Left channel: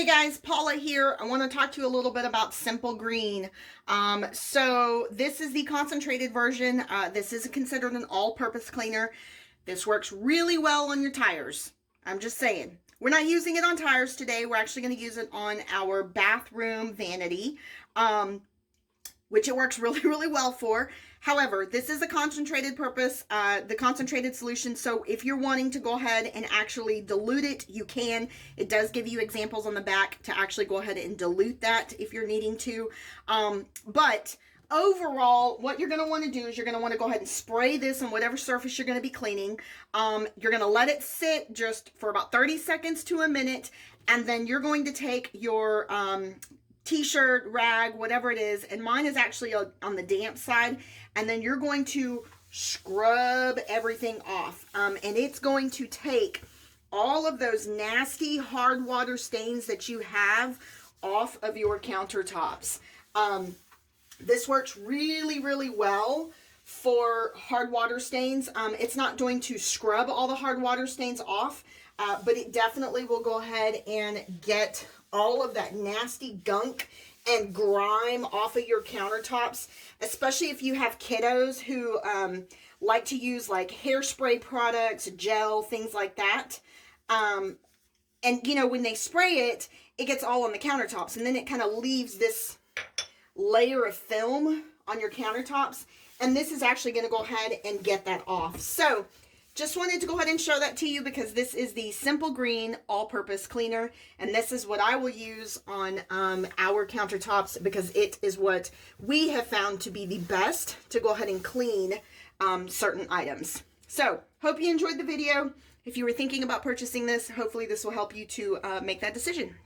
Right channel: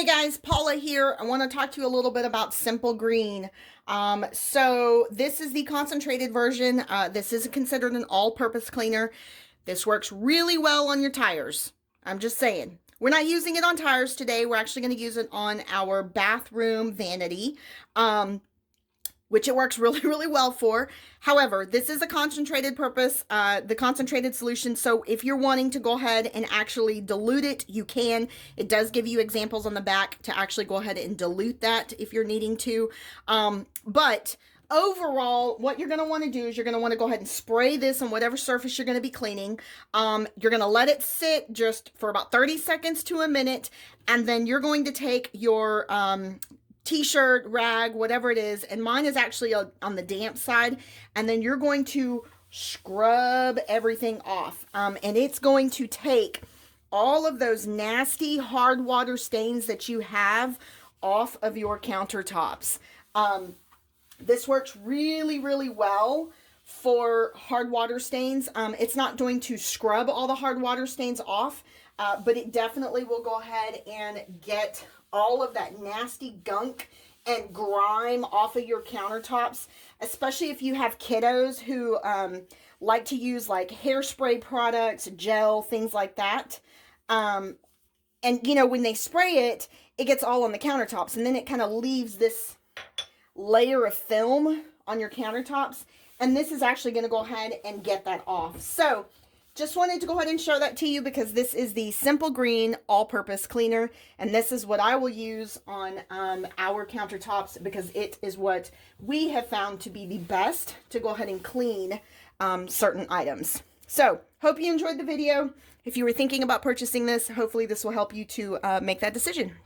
Hey guys, Paula here. I want to talk to you a little bit about Simple Green. So this is the concentrated version. This is considered an all-purpose cleaner. This works really well on your tires. I'm just saying. We're not using it on tires today. We're actually going to use it on our bathroom vanity. Which it works really, really well for. However, this is a concentrated purpose, the concentrated solution. So if you're wanting to go ahead and actually dilute it, you can. It does give you examples on the back to actually go ahead and dilute that if you're needing to. But overall, what you're going to want to do is you're going to want to go ahead and spray this on whatever surface you're going to be cleaning. You're going to let it sit just for about 30 seconds to a minute. And then you're going to take your t-shirt, rag, whatever it is, and mine is actually on the damp side, and then you're going to scrub everything off, and it's going to take all of those nasty hard water stains that you have off of your countertops. This works really, really well for hard water stains. It's not going to scrub all the hard water stains off, but it definitely will go ahead and get all of that nasty gunk and grime off of your countertops, especially if you have kiddos who like to use like hairspray products, gel, things like that. And you know, when they spray it, it gets all on the countertops, and then it kind of leaves this layer of film on your countertops, and this is actually going to go ahead and get that off. So just wanted to go ahead and show that to you because this is the Simple Green all-purpose cleaner, and this is what I will use on our countertops because it is what we have found to be the best to go ahead and clean certain items. So, hope you enjoyed the video. If you were thinking about purchasing this, hopefully this will help you to make that decision.